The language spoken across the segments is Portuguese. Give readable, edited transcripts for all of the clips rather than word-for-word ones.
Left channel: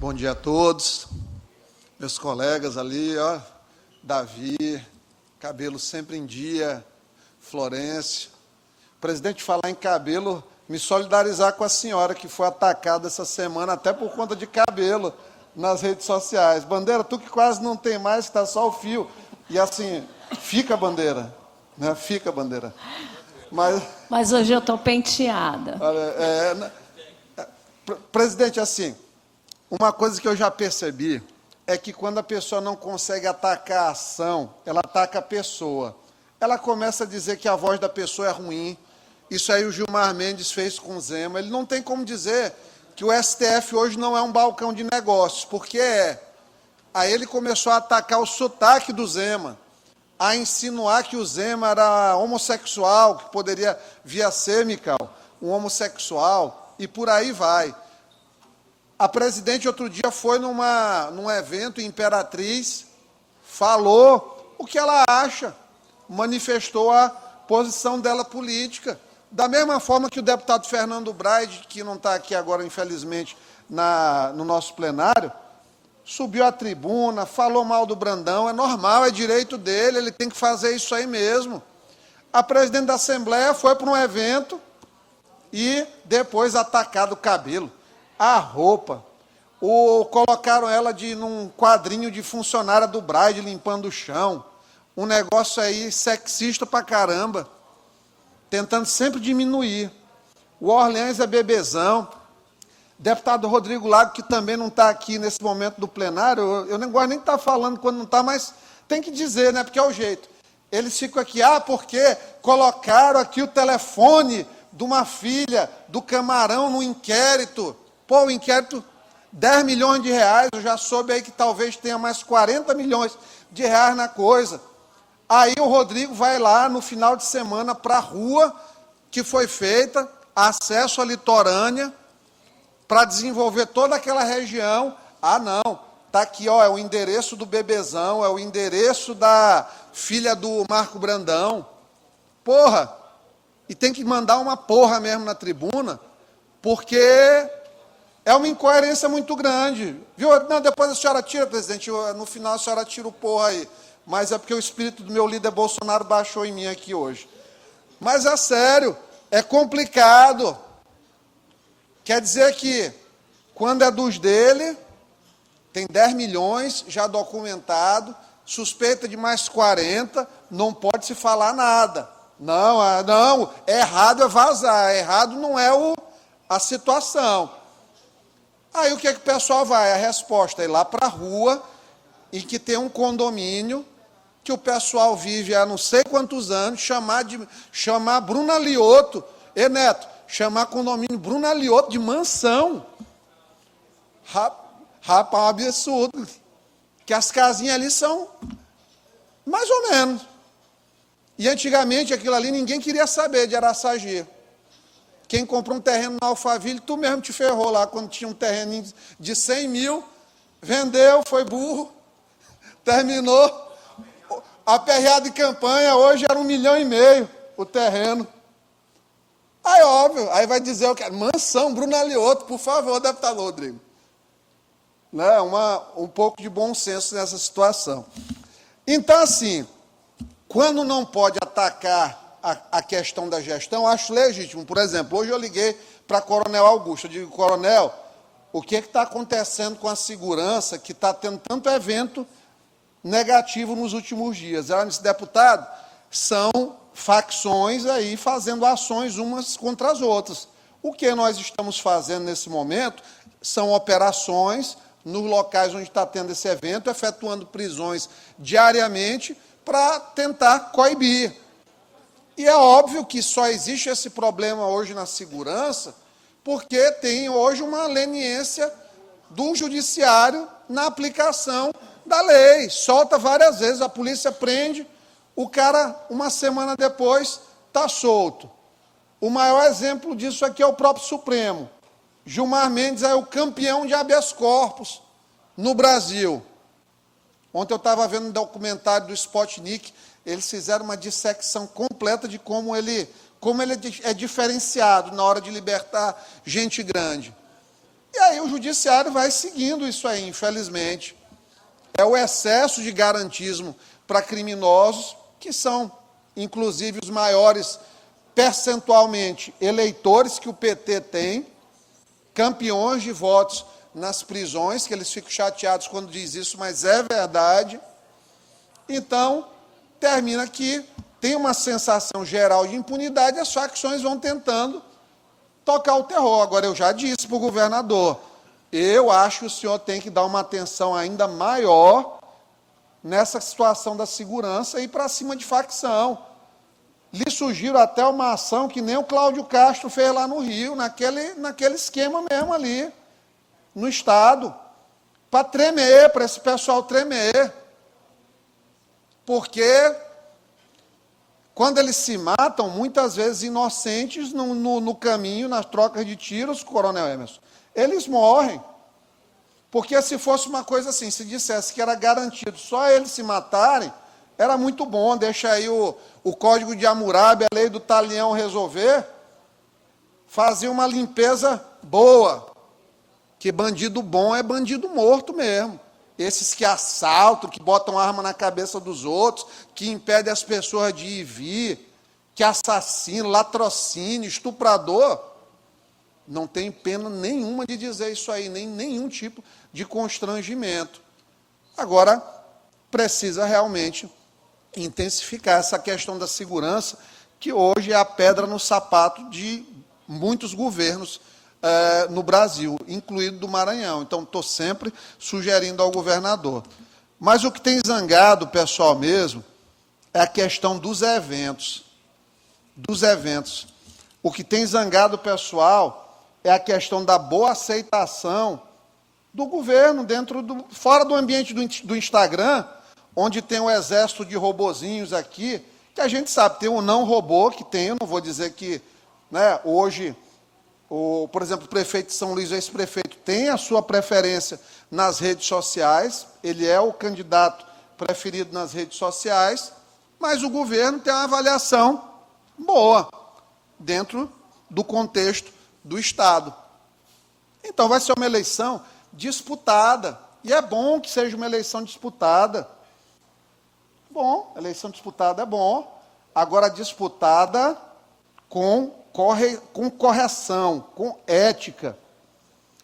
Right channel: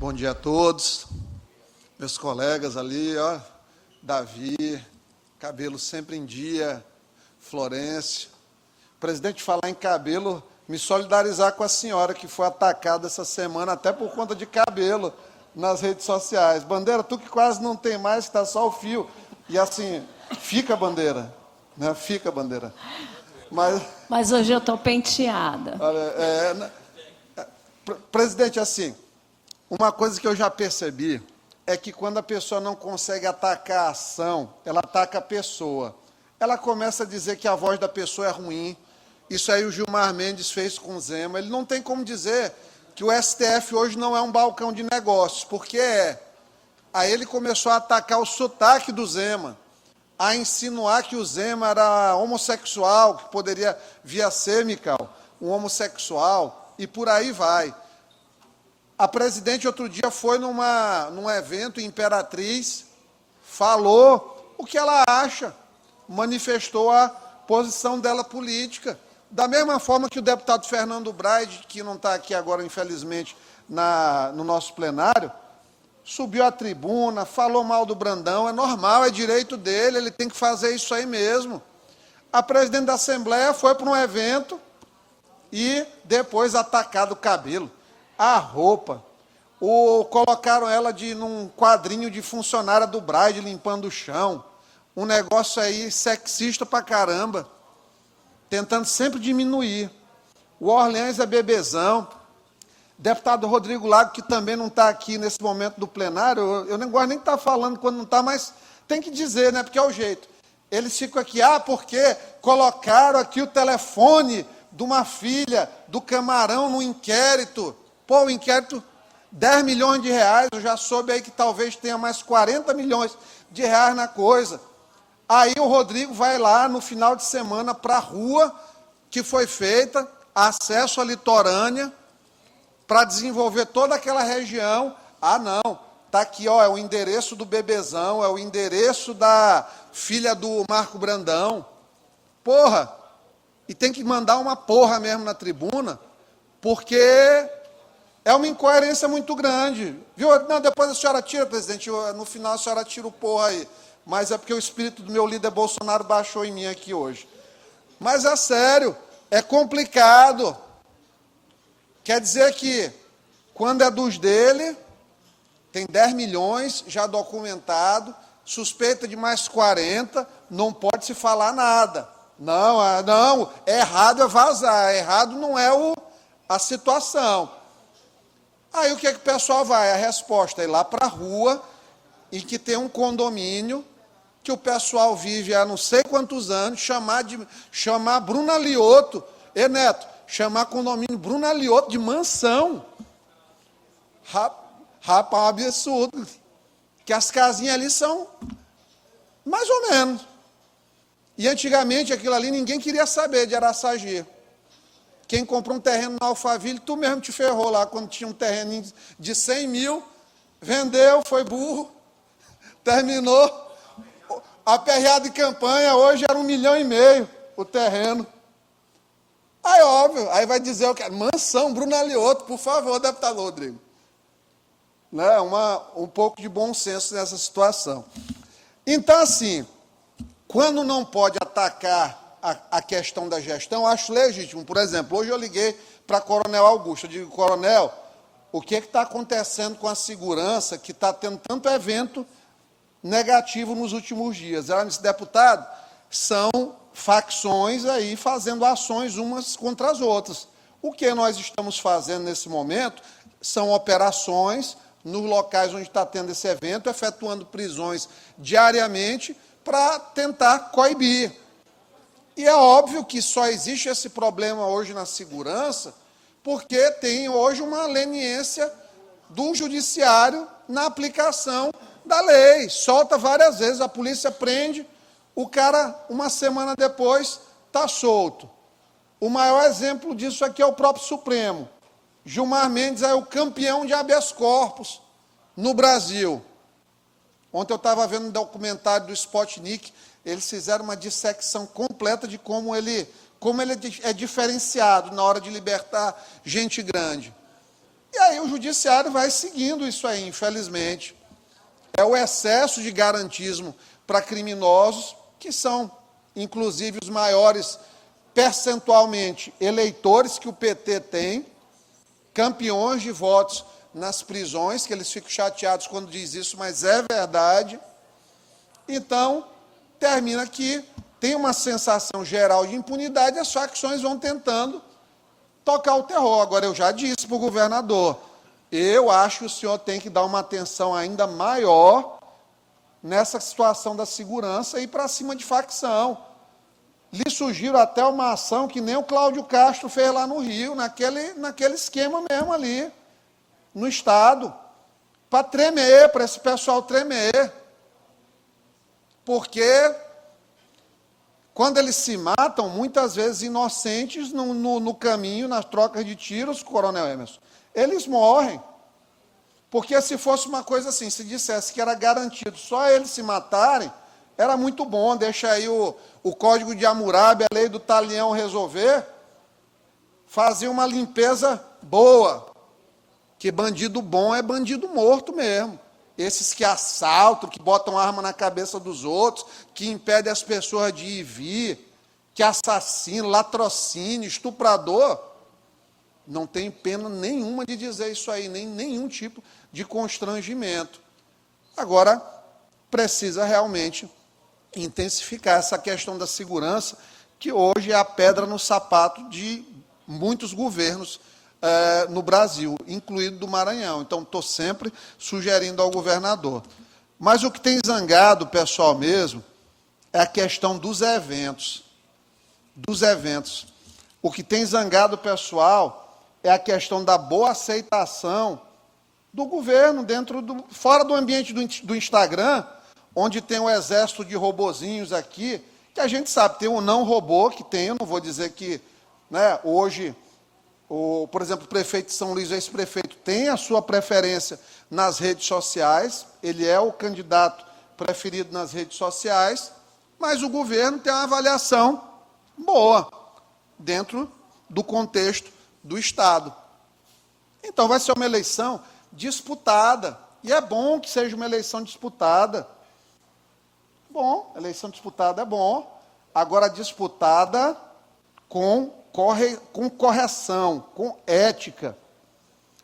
Bom dia a todos, meus colegas ali, ó, Davi, cabelo sempre em dia, Florencio. Presidente, falar em cabelo, me solidarizar com a senhora que foi atacada essa semana, até por conta de cabelo, nas redes sociais. Bandeira, tu que quase não tem mais, está só o fio. E assim, fica bandeira, né? Fica bandeira. Mas hoje eu estou penteada. Olha, presidente, assim, uma coisa que eu já percebi é que quando a pessoa não consegue atacar a ação, ela ataca a pessoa. Ela começa a dizer que a voz da pessoa é ruim. Isso aí o Gilmar Mendes fez com o Zema. Ele não tem como dizer que o STF hoje não é um balcão de negócios, porque é. Aí ele começou a atacar o sotaque do Zema, a insinuar que o Zema era homossexual, que poderia vir a ser, Mical, um homossexual, e por aí vai. A presidente, outro dia, foi num evento em Imperatriz, falou o que ela acha, manifestou a posição dela política. Da mesma forma que o deputado Fernando Braide, que não está aqui agora, infelizmente, no nosso plenário, subiu à tribuna, falou mal do Brandão, é normal, é direito dele, ele tem que fazer isso aí mesmo. A presidente da Assembleia foi para um evento e depois atacado o cabelo, a roupa, colocaram ela num quadrinho de funcionária do Braide limpando o chão, um negócio aí sexista pra caramba, tentando sempre diminuir. O Orleans é bebezão, deputado Rodrigo Lago, que também não está aqui nesse momento do plenário, eu não gosto nem de estar falando quando não está, mas tem que dizer, né, porque é o jeito. Eles ficam aqui, porque colocaram aqui o telefone de uma filha do Camarão no inquérito. Pô, o inquérito, 10 milhões de reais, eu já soube aí que talvez tenha mais 40 milhões de reais na coisa. Aí o Rodrigo vai lá no final de semana para a rua que foi feita, acesso à litorânea, para desenvolver toda aquela região. Ah, não, está aqui, ó, é o endereço do bebezão, é o endereço da filha do Marco Brandão. Porra! E tem que mandar uma porra mesmo na tribuna, porque é uma incoerência muito grande. Viu? Não, depois a senhora tira, presidente, no final a senhora tira o porra aí. Mas é porque o espírito do meu líder Bolsonaro baixou em mim aqui hoje. Mas é sério, é complicado. Quer dizer que, quando é dos dele, tem 10 milhões já documentado, suspeita de mais 40, não pode se falar nada. Não, errado é vazar, errado não é a situação. Aí o que é que o pessoal vai? A resposta é ir lá para a rua, em que tem um condomínio, que o pessoal vive há não sei quantos anos, chamar Bruna Lioto, Neto, chamar condomínio Bruna Lioto de mansão. Rapaz, absurdo. Que as casinhas ali são mais ou menos. E antigamente aquilo ali ninguém queria saber de Araçagi. Quem comprou um terreno no Alphaville, tu mesmo te ferrou lá quando tinha um terreno de 100 mil, vendeu, foi burro, terminou. A perreada de campanha hoje era 1,5 milhão o terreno. Aí, óbvio, aí vai dizer o que? Mansão, Bruna Lioto, por favor, deputado Rodrigo. Né? Um pouco de bom senso nessa situação. Então, assim, quando não pode atacar a questão da gestão, acho legítimo. Por exemplo, hoje eu liguei para Coronel Augusto. Eu digo, Coronel, o que está acontecendo com a segurança que está tendo tanto evento negativo nos últimos dias? Ela disse, deputado, são facções aí fazendo ações umas contra as outras. O que nós estamos fazendo nesse momento são operações nos locais onde está tendo esse evento, efetuando prisões diariamente para tentar coibir. E é óbvio que só existe esse problema hoje na segurança porque tem hoje uma leniência do judiciário na aplicação da lei. Solta várias vezes, a polícia prende, o cara, uma semana depois, está solto. O maior exemplo disso aqui é o próprio Supremo. Gilmar Mendes é o campeão de habeas corpus no Brasil. Ontem eu estava vendo um documentário do Spotnik, eles fizeram uma dissecção completa de como ele é diferenciado na hora de libertar gente grande. E aí o judiciário vai seguindo isso aí, infelizmente. É o excesso de garantismo para criminosos, que são, inclusive, os maiores percentualmente eleitores que o PT tem, campeões de votos nas prisões, que eles ficam chateados quando diz isso, mas é verdade. Então, termina que tem uma sensação geral de impunidade, as facções vão tentando tocar o terror. Agora, eu já disse para o governador, eu acho que o senhor tem que dar uma atenção ainda maior nessa situação da segurança e ir para cima de facção. Lhe sugiro até uma ação que nem o Cláudio Castro fez lá no Rio, naquele esquema mesmo ali, no Estado, para tremer, para esse pessoal tremer. Porque quando eles se matam, muitas vezes inocentes no caminho, nas trocas de tiros, Coronel Emerson, eles morrem. Porque se fosse uma coisa assim, se dissesse que era garantido só eles se matarem, era muito bom, deixa aí o Código de Hammurabi, a lei do Talião resolver, fazia uma limpeza boa, que bandido bom é bandido morto mesmo. Esses que assaltam, que botam arma na cabeça dos outros, que impedem as pessoas de ir e vir, que assassinam, latrocínio, estuprador, não tem pena nenhuma de dizer isso aí, nem nenhum tipo de constrangimento. Agora, precisa realmente intensificar essa questão da segurança, que hoje é a pedra no sapato de muitos governos no Brasil, incluído do Maranhão. Então, estou sempre sugerindo ao governador. Mas o que tem zangado o pessoal mesmo é a questão dos eventos. Dos eventos. O que tem zangado o pessoal é a questão da boa aceitação do governo fora do ambiente do Instagram, onde tem um exército de robozinhos aqui, que a gente sabe, tem um não robô, que tem, eu não vou dizer que, né, hoje, por exemplo, o prefeito de São Luís, ex-prefeito, tem a sua preferência nas redes sociais, ele é o candidato preferido nas redes sociais, mas o governo tem uma avaliação boa, dentro do contexto do Estado. Então, vai ser uma eleição disputada, e é bom que seja uma eleição disputada. Bom, eleição disputada é bom, agora disputada com correção, com ética,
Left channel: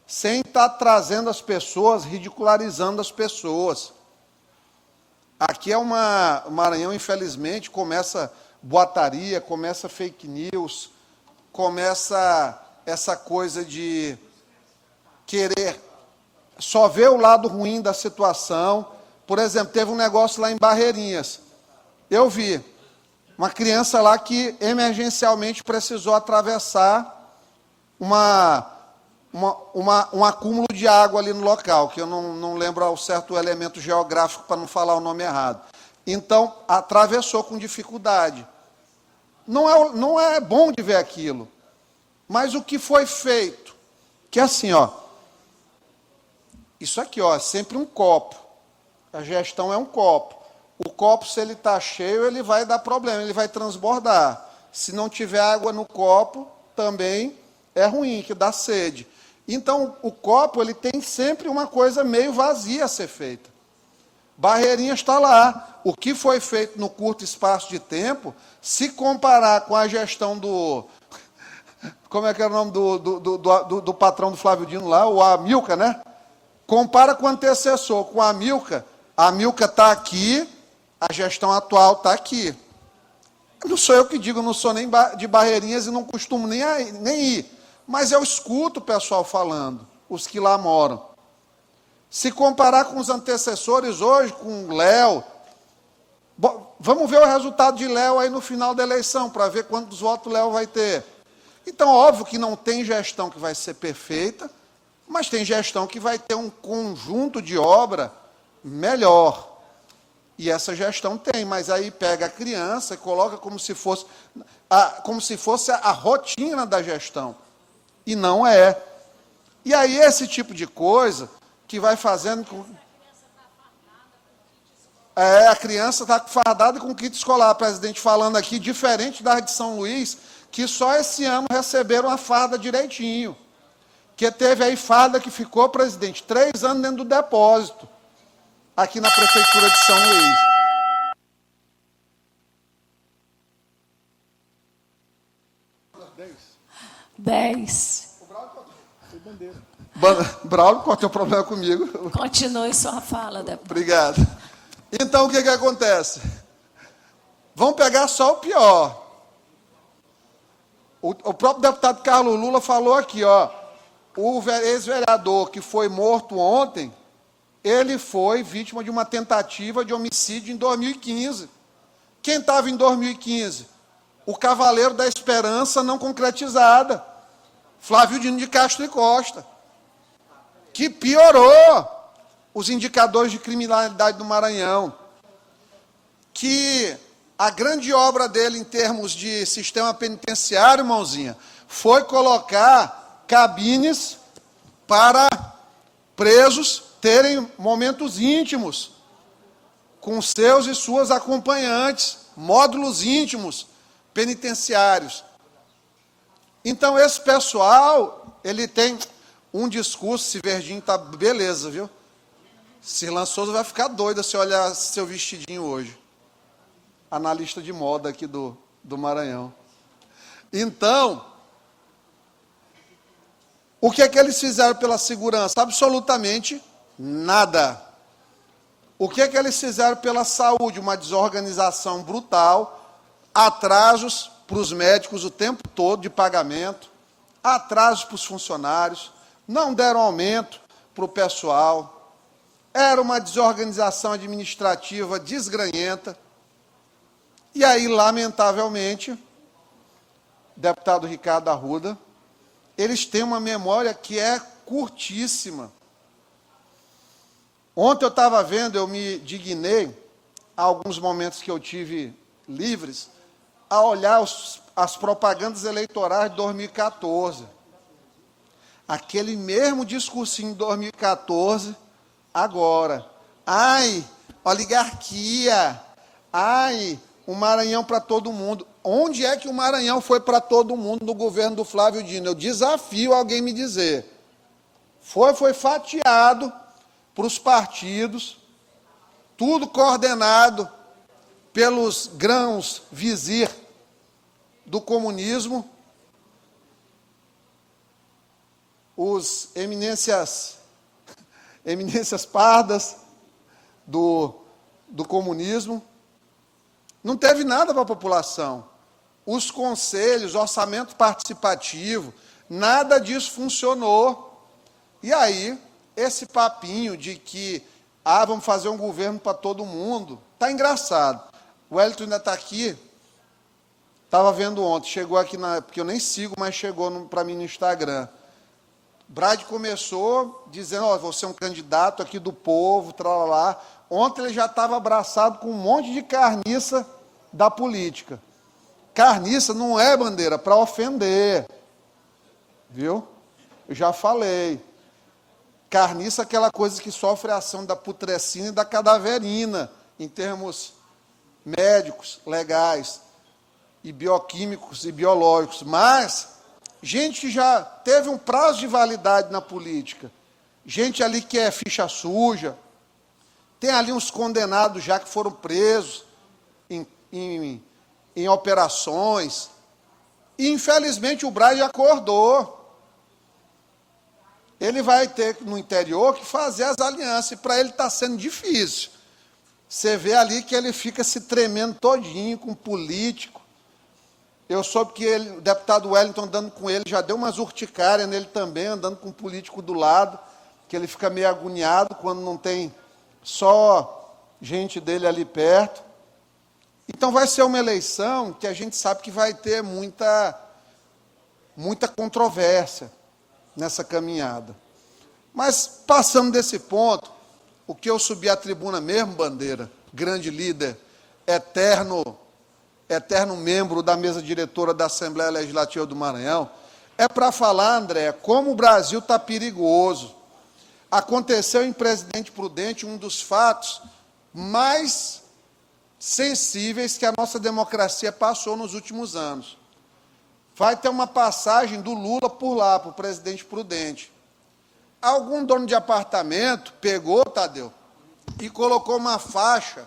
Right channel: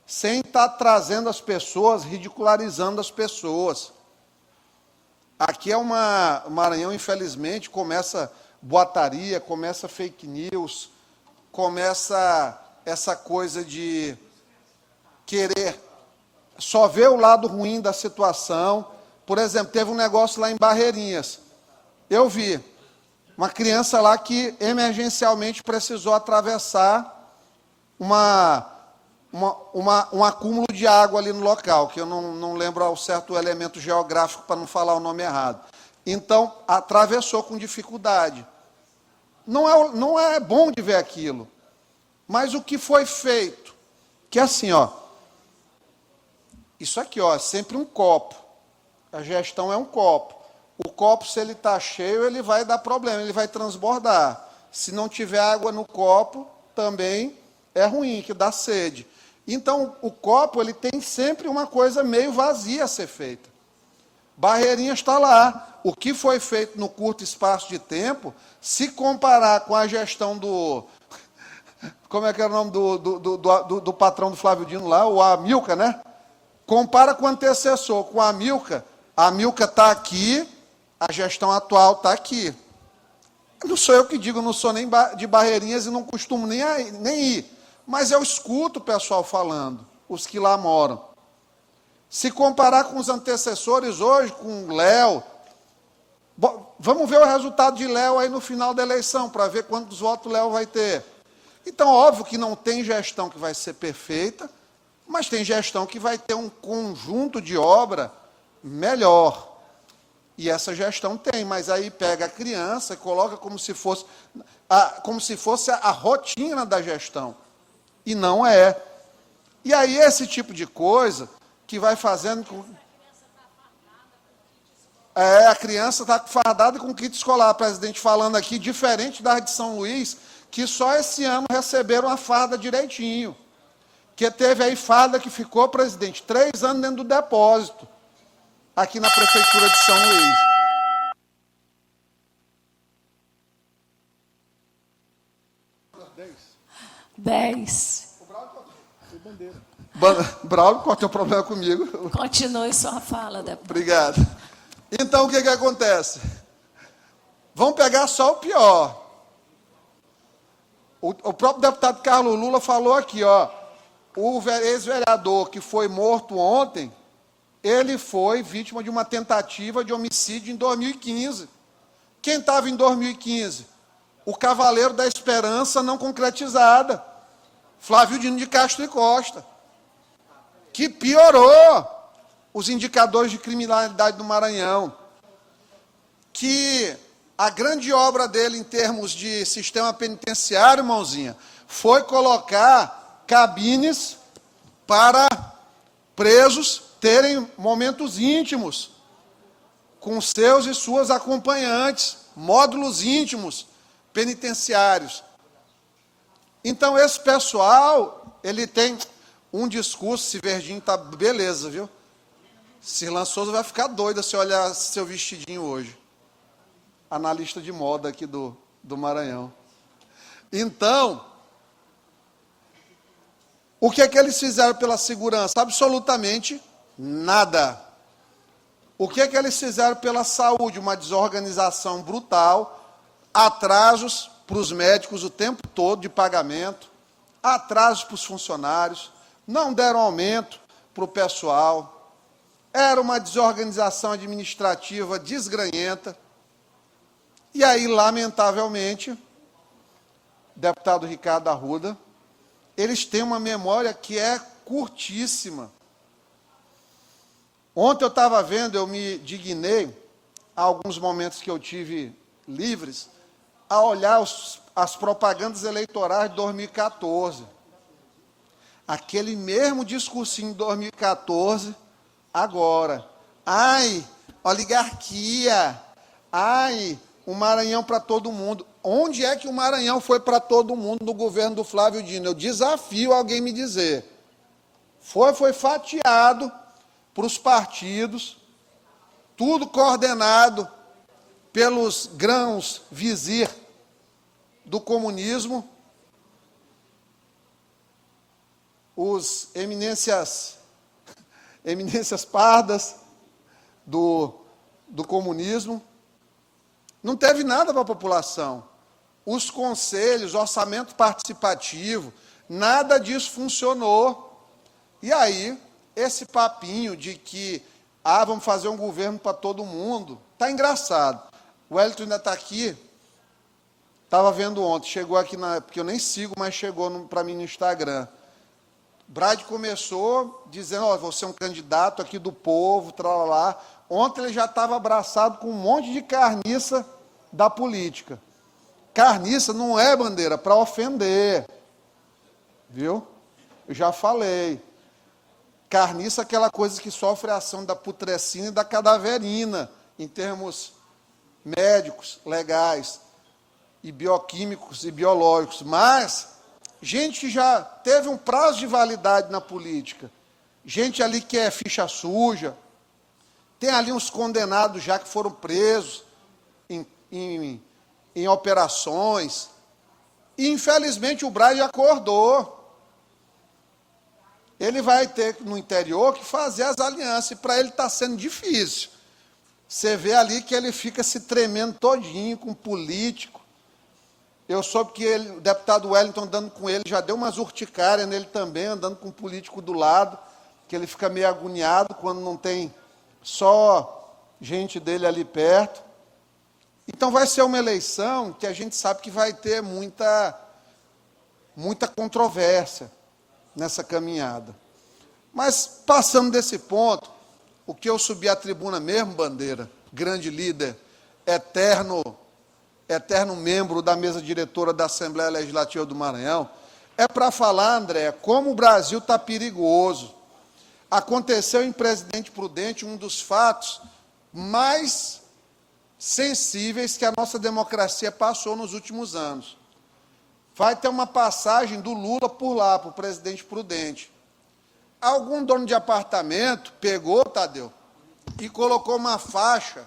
sem estar trazendo as pessoas, ridicularizando as pessoas. Aqui é o Maranhão, infelizmente, começa boataria, começa fake news, começa essa coisa de querer só ver o lado ruim da situação. Por exemplo, teve um negócio lá em Barreirinhas. Eu vi uma criança lá que emergencialmente precisou atravessar um acúmulo de água ali no local, que eu não lembro ao certo o elemento geográfico para não falar o nome errado. Então, atravessou com dificuldade. Não é bom de ver aquilo. Mas o que foi feito? Que é assim, ó, isso aqui, ó, é sempre um copo. A gestão é um copo. O copo, se ele está cheio, ele vai dar problema, ele vai transbordar. Se não tiver água no copo, também é ruim, que dá sede. Então, o copo, ele tem sempre uma coisa meio vazia a ser feita. Barreirinhas está lá. O que foi feito no curto espaço de tempo, se comparar com a gestão do... Como é que era o nome do patrão do Flávio Dino lá? O Amilcar, né? Compara com o antecessor, com a Amilcar. A Amilcar está aqui, a gestão atual está aqui. Não sou eu que digo, não sou nem de Barreirinhas e não costumo nem ir. Mas eu escuto o pessoal falando, os que lá moram. Se comparar com os antecessores hoje, com o Léo, vamos ver o resultado de Léo aí no final da eleição, para ver quantos votos Léo vai ter. Então, óbvio que não tem gestão que vai ser perfeita, mas tem gestão que vai ter um conjunto de obra melhor. E essa gestão tem, mas aí pega a criança e coloca como se fosse a rotina da gestão. E não é. E aí esse tipo de coisa que vai fazendo com... a criança está fardada com kit escolar, presidente falando aqui, diferente da de São Luís, que só esse ano receberam a farda direitinho. que teve aí farda que ficou, presidente, 3 anos dentro do depósito, aqui na Prefeitura de São Luís. 10. Braulio, qual é o teu problema comigo? Continue sua fala, deputado. Obrigado. Então, o que acontece? Vamos pegar só o pior. O próprio deputado Carlos Lula falou aqui, ó, o ex-vereador que foi morto ontem, ele foi vítima de uma tentativa de homicídio em 2015. Quem estava em 2015? O Cavaleiro da Esperança não concretizada, Flávio Dino de Castro e Costa, que piorou os indicadores de criminalidade do Maranhão, que a grande obra dele em termos de sistema penitenciário, irmãozinha, foi colocar cabines para presos terem momentos íntimos com seus e suas acompanhantes, módulos íntimos penitenciários. Então, esse pessoal, ele tem um discurso, se verdinho tá beleza, viu? Silan Souza vai ficar doida se olhar seu vestidinho hoje. Analista de moda aqui do Maranhão. Então, o que é que eles fizeram pela segurança? Absolutamente nada. O que é que eles fizeram pela saúde? Uma desorganização brutal, atrasos para os médicos o tempo todo de pagamento, atrasos para os funcionários, não deram aumento para o pessoal, era uma desorganização administrativa desgranhenta. E aí, lamentavelmente, deputado Ricardo Arruda, eles têm uma memória que é curtíssima. Ontem eu estava vendo, eu me dignei, há alguns momentos que eu tive livres, a olhar as propagandas eleitorais de 2014. Aquele mesmo discursinho de 2014, agora. Ai, oligarquia. Ai, o Maranhão para todo mundo. Onde é que o Maranhão foi para todo mundo no governo do Flávio Dino? Eu desafio alguém me dizer. Foi fatiado para os partidos, tudo coordenado pelos grãos vizir do comunismo, os eminências pardas do comunismo. Não teve nada para a população. Os conselhos, orçamento participativo, nada disso funcionou. E aí, esse papinho de que, vamos fazer um governo para todo mundo, está engraçado. O Wellington ainda está aqui, estava vendo ontem, chegou aqui, porque eu nem sigo, mas chegou para mim no Instagram. Brad começou dizendo, vou ser um candidato aqui do povo, tralalá. Ontem ele já estava abraçado com um monte de carniça da política. Carniça não é, bandeira, para ofender. Viu? Eu já falei. Carniça é aquela coisa que sofre a ação da putrescina e da cadaverina, em termos médicos, legais, e bioquímicos e biológicos. Mas, gente que já teve um prazo de validade na política, gente ali que é ficha suja, tem ali uns condenados já que foram presos em operações, e infelizmente o Braille acordou. Ele vai ter no interior que fazer as alianças, e para ele está sendo difícil. Você vê ali que ele fica se tremendo todinho com político. Eu soube que o deputado Wellington andando com ele, já deu umas urticárias nele também, andando com um político do lado, que ele fica meio agoniado quando não tem só gente dele ali perto. Então vai ser uma eleição que a gente sabe que vai ter muita controvérsia nessa caminhada. Mas, passando desse ponto, o que eu subi à tribuna mesmo, bandeira, grande líder, eterno membro da mesa diretora da Assembleia Legislativa do Maranhão, é para falar, André, como o Brasil está perigoso. Aconteceu em Presidente Prudente um dos fatos mais sensíveis que a nossa democracia passou nos últimos anos. vai ter uma passagem do Lula por lá, para o Presidente Prudente. Algum dono de apartamento pegou, Tadeu, e colocou uma faixa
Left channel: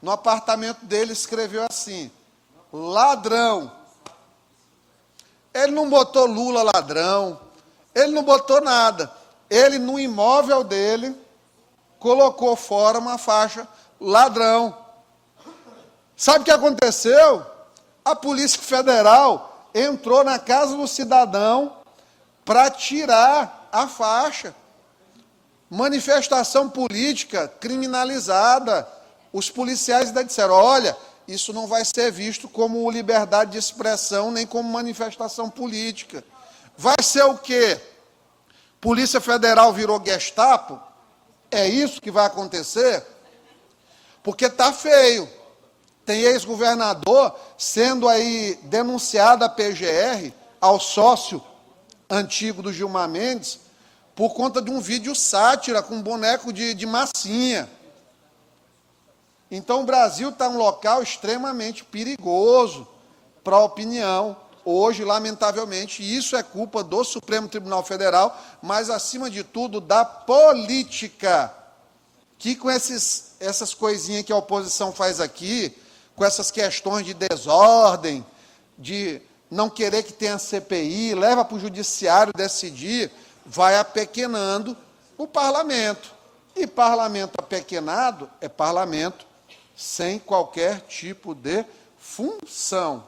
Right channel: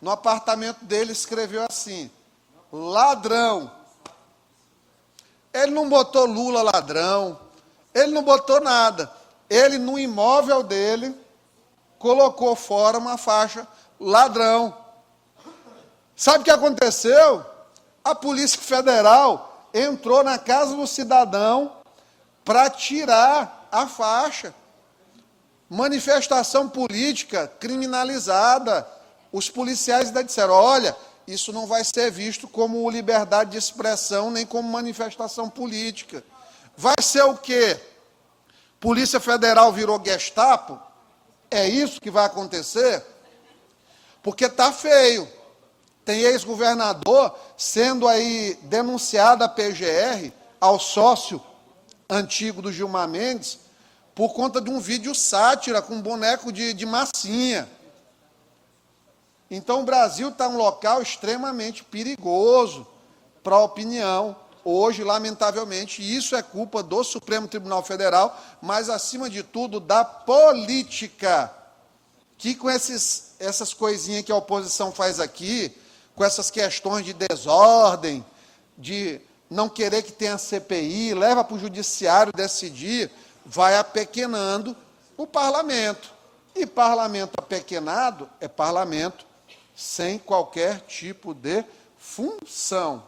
no apartamento dele, escreveu assim: ladrão. Ele não botou Lula ladrão, ele não botou nada. Ele, no imóvel dele, colocou fora uma faixa ladrão. Sabe o que aconteceu? A Polícia Federal entrou na casa do cidadão para tirar a faixa. Manifestação política criminalizada. Os policiais ainda disseram: olha, isso não vai ser visto como liberdade de expressão, nem como manifestação política. Vai ser o quê? Polícia Federal virou Gestapo? É isso que vai acontecer? Porque está feio. Tem ex-governador sendo aí denunciado à PGR, ao sócio antigo do Gilmar Mendes, por conta de um vídeo sátira com um boneco de massinha. Então, o Brasil está um local extremamente perigoso para a opinião. Hoje, lamentavelmente, isso é culpa do Supremo Tribunal Federal, mas, acima de tudo, da política, que com essas coisinhas que a oposição faz aqui, com essas questões de desordem, de não querer que tenha CPI, leva para o judiciário decidir, vai apequenando o parlamento. E parlamento apequenado é parlamento sem qualquer tipo de função.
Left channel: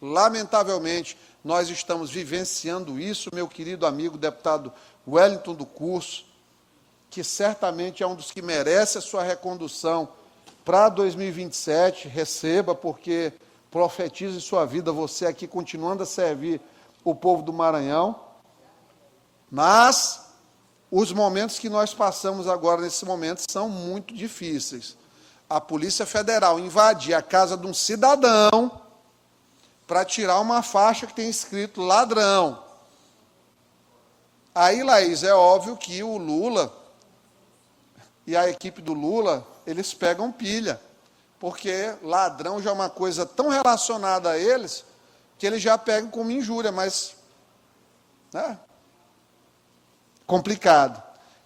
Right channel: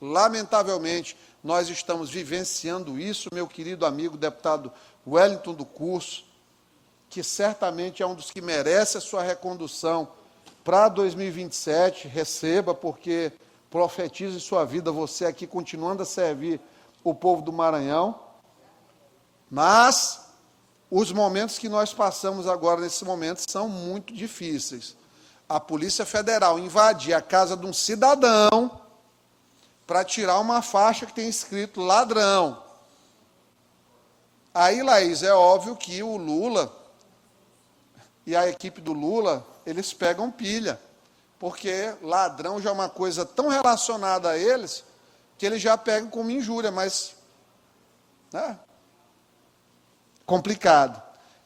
Lamentavelmente, nós estamos vivenciando isso, meu querido amigo deputado Wellington do Curso, que certamente é um dos que merece a sua recondução para 2027, receba, porque profetiza em sua vida você aqui continuando a servir o povo do Maranhão. Mas os momentos que nós passamos agora, nesse momento, são muito difíceis. A Polícia Federal invadir a casa de um cidadão para tirar uma faixa que tem escrito ladrão. Aí, Laís, é óbvio que o Lula e a equipe do Lula, eles pegam pilha, porque ladrão já é uma coisa tão relacionada a eles, que eles já pegam como injúria, mas complicado.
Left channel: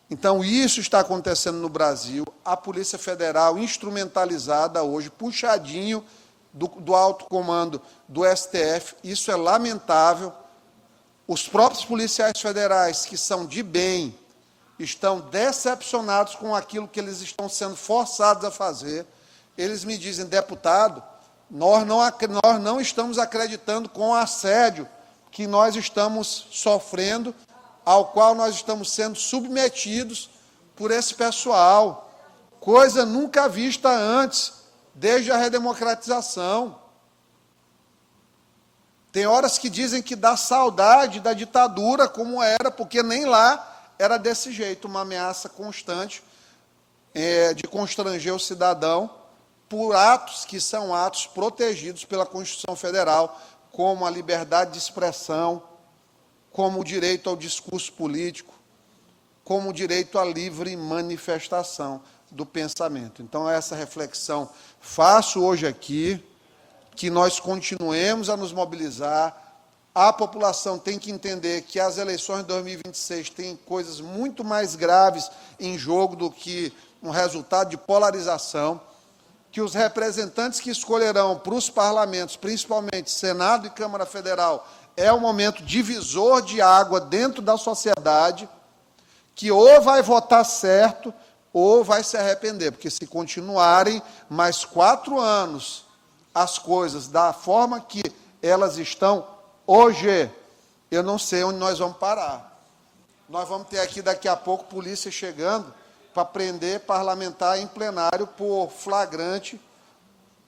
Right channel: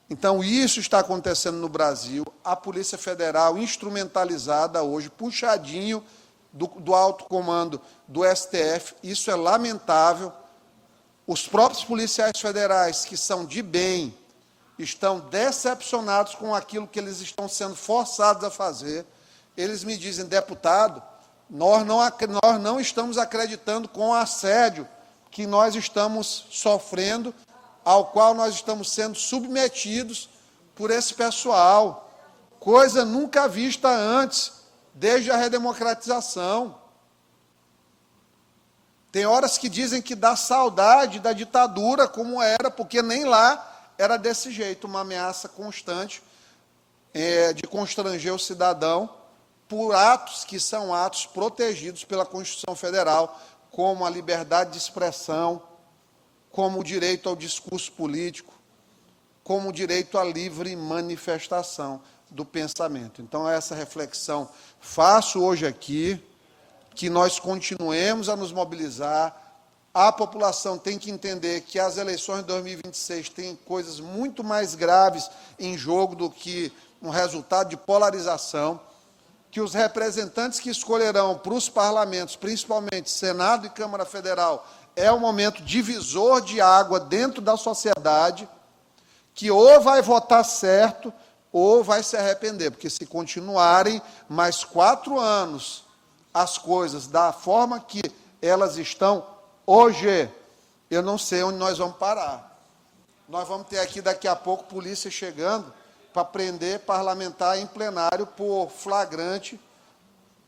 Então, isso está acontecendo no Brasil, a Polícia Federal instrumentalizada hoje, puxadinho do alto comando do STF, isso é lamentável. Os próprios policiais federais, que são de bem, estão decepcionados com aquilo que eles estão sendo forçados a fazer. Eles me dizem: deputado, nós não estamos acreditando com o assédio que nós estamos sofrendo, ao qual nós estamos sendo submetidos por esse pessoal. Coisa nunca vista antes, desde a redemocratização. Tem horas que dizem que dá saudade da ditadura como era, porque nem lá era desse jeito, uma ameaça constante de constranger o cidadão por atos que são atos protegidos pela Constituição Federal, como a liberdade de expressão, como o direito ao discurso político, como o direito à livre manifestação do pensamento. Então, essa reflexão faço hoje aqui, que nós continuemos a nos mobilizar. A população tem que entender que as eleições de 2026 têm coisas muito mais graves em jogo do que um resultado de polarização, que os representantes que escolherão para os parlamentos, principalmente Senado e Câmara Federal, é um momento divisor de água dentro da sociedade, que ou vai votar certo ou vai se arrepender, porque se continuarem mais 4 anos as coisas da forma que elas estão hoje, eu não sei onde nós vamos parar. Nós vamos ter aqui daqui a pouco polícia chegando para prender parlamentar em plenário por flagrante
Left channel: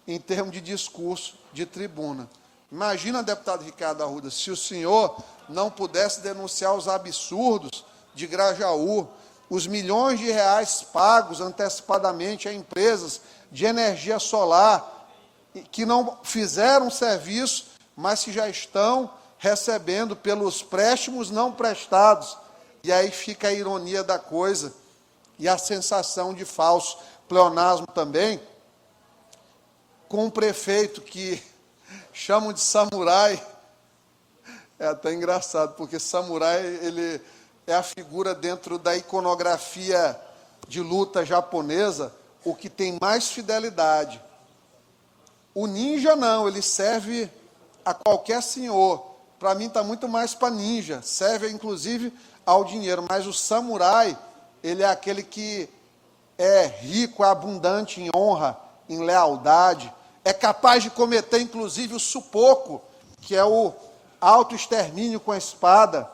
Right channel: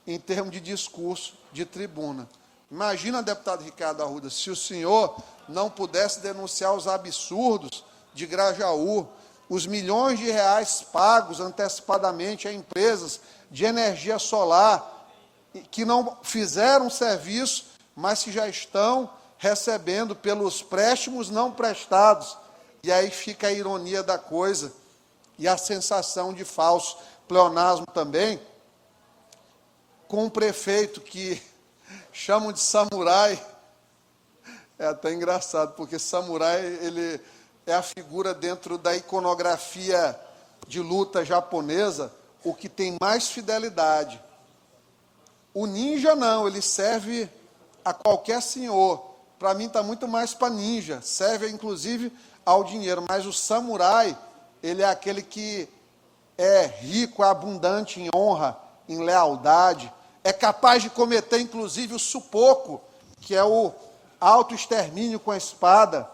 em termos de discurso de tribuna. Imagina, deputado Ricardo Arruda, se o senhor não pudesse denunciar os absurdos de Grajaú, os milhões de reais pagos antecipadamente a empresas de energia solar, que não fizeram serviço, mas que já estão recebendo pelos préstimos não prestados. E aí fica a ironia da coisa e a sensação de falso pleonasmo também, com um prefeito que chamam de samurai, É até engraçado, porque samurai, ele é a figura dentro da iconografia de luta japonesa, o que tem mais fidelidade. O ninja não, ele serve a qualquer senhor. Para mim está muito mais para ninja, serve inclusive ao dinheiro, mas o samurai, ele é aquele que é rico, é abundante em honra, em lealdade, é capaz de cometer inclusive o supoco, que é o autoextermínio com a espada,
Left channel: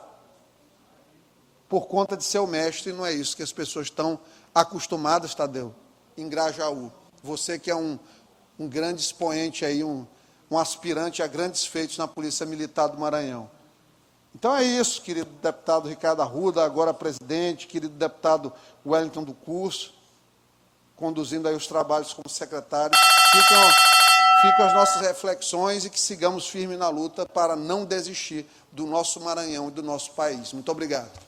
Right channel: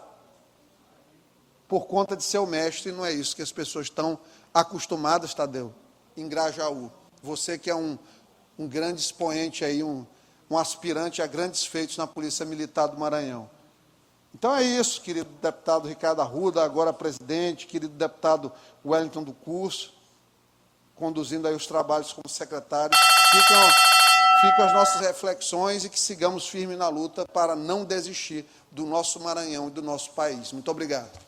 por conta de seu mestre. E não é isso que as pessoas estão acostumadas, Tadeu, em Grajaú. Você que é um grande expoente aí, um aspirante a grandes feitos na Polícia Militar do Maranhão. Então é isso, querido deputado Ricardo Arruda, agora presidente, querido deputado Wellington do Curso, conduzindo aí os trabalhos como secretário. Ficam as nossas reflexões e que sigamos firmes na luta para não desistir do nosso Maranhão e do nosso país. Muito obrigado.